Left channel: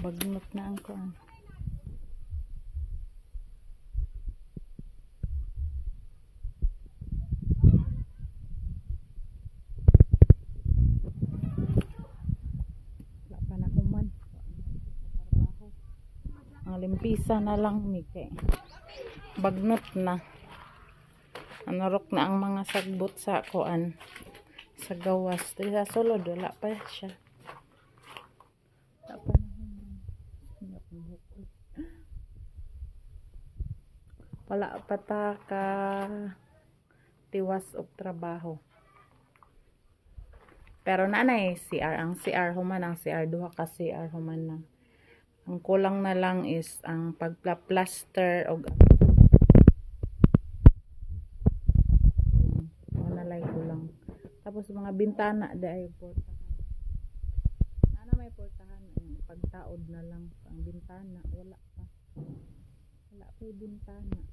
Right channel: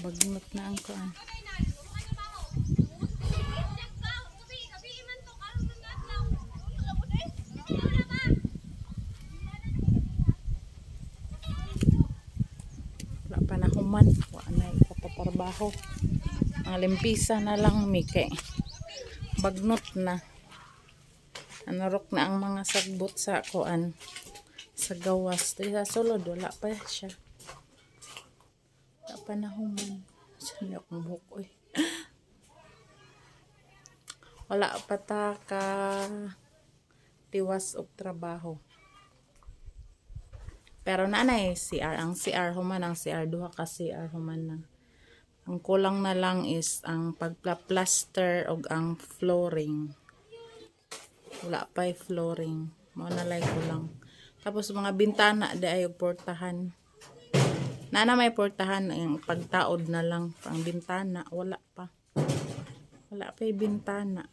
Bagnot na ang kuan. Wala pa na human. Wala na ikapatrabaho. Ang limpisa na lang mike. Bagnot na. Anarok na ang mga sagbot sa kuan. Sa gawas. Dito sa sulod. Wala pa siya. Wala pa na human. Saan niya akong buhok eh. Wala pa ta ka tiwas og trabaho. Pero naanay CR. Ang CR human. Ang CR. Duha ka CR human na. Ang kulang na lang is ang pagplaster og ang flooring. Wala pa yung flooring. Wala lang kulang. Tapos mga bintana ay portahan. Na may portahan yung pagtaod na lang pang bintana. Wala pa. Wala pa yung bintana.